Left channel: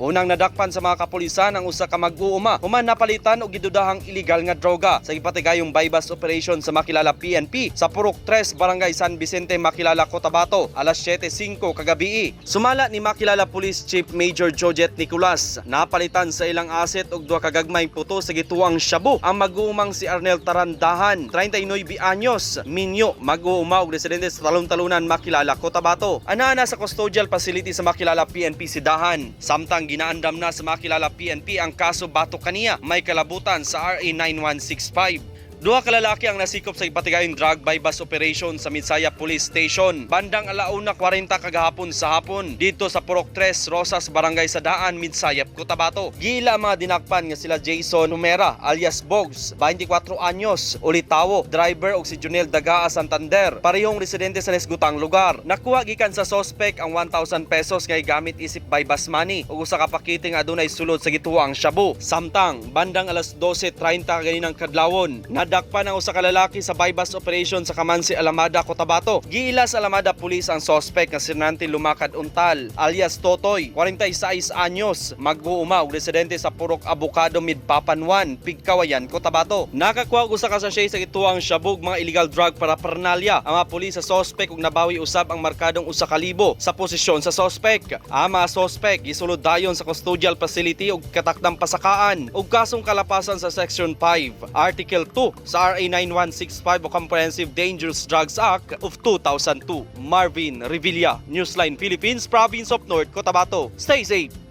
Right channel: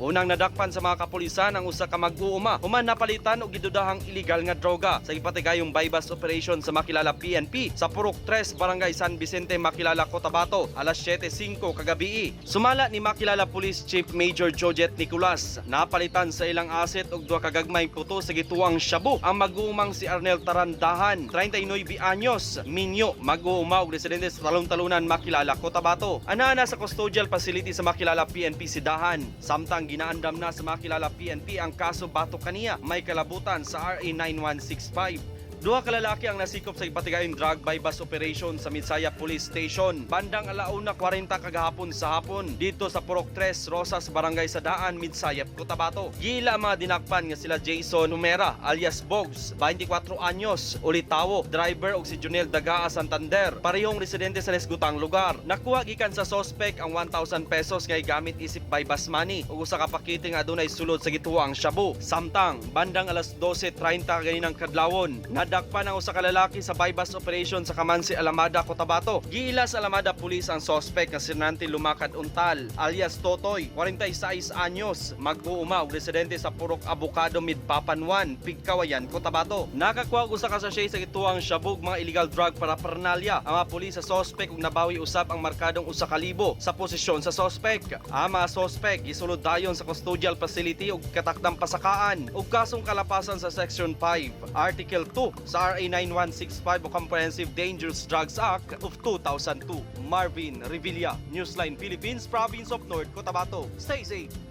Unang nadakpan sa mga kapulisan ang usa ka mag-uuma human napalitan og gidudahang illegal nga droga sa gipatigayong bypass operation sa makilala PNP sa Purok 3, Barangay San Vicente, Makilala, Cotabato, alas 7:05 kagabi. Sumala ni Makilala Police Chief Major Jojet Nicolas, napalitan sa ilang asset og duha ka gagmay puto sa gituang shabu ang mag-uumang si Arnel Tarandahan, 39 anyos, minyo, mag-uuma og residente sa Talon-Talunan, Makilala, Cotabato. Anana sa custodial facility sa Makilala PNP si Dahan. Samtang ginaandam na sa Makilala PNP ang kaso batok kaniya may kalabutan sa RA 9165. Duha ka lalaki ang nasikop sa ipatigayong drug bypass operation sa Midsaya Police Station. Bandang 1:40 kagahapon sa hapon dito sa Purok 3, Rosas, Barangay Sadaan, Midsaya, Cotabato. Gila mga dinakpan nga sila Jason Humera alias Bogs, 24 anyos, ulitawo, driver og si Junel Dagaa Santander, parehong residente sa nesgutang lugar. Nakuha gikan sa suspect ang 1,000 pesos nga gamit isip bypass money ug usa ka pakete nga adunay sulod sa gituang shabu. Samtang bandang alas 12:30 ganinang kadlawon, nadakpan ang usa ka lalaki sa bypass operation sa Kamansi, Alamada, Cotabato. Giila sa Alamada Police ang suspect nga si Nante Lumakad Untal alias Totoy, 46 anyos, mag-uuma ug residente sa Purok Abukado, Midpapanwan, Pigkawayan, Cotabato. Nakakuha og usa ka sachet sa gituang shabog mga illegal drug para paraphernalia. Ang mga pulis sa suspect ug nabawi usab ang markadong 1,000 sa posisyon sa suspect. Ang mga suspect gisulod dayon sa custodial facility ug katakdang pasakaan ug kasong kalapasan sa Section 5, Article 2 sa RA 9165 o Comprehensive Dangerous Drugs Act of 2002. Marvin Revilla, Newsline Philippines, Province of North Cotabato. Stay safe!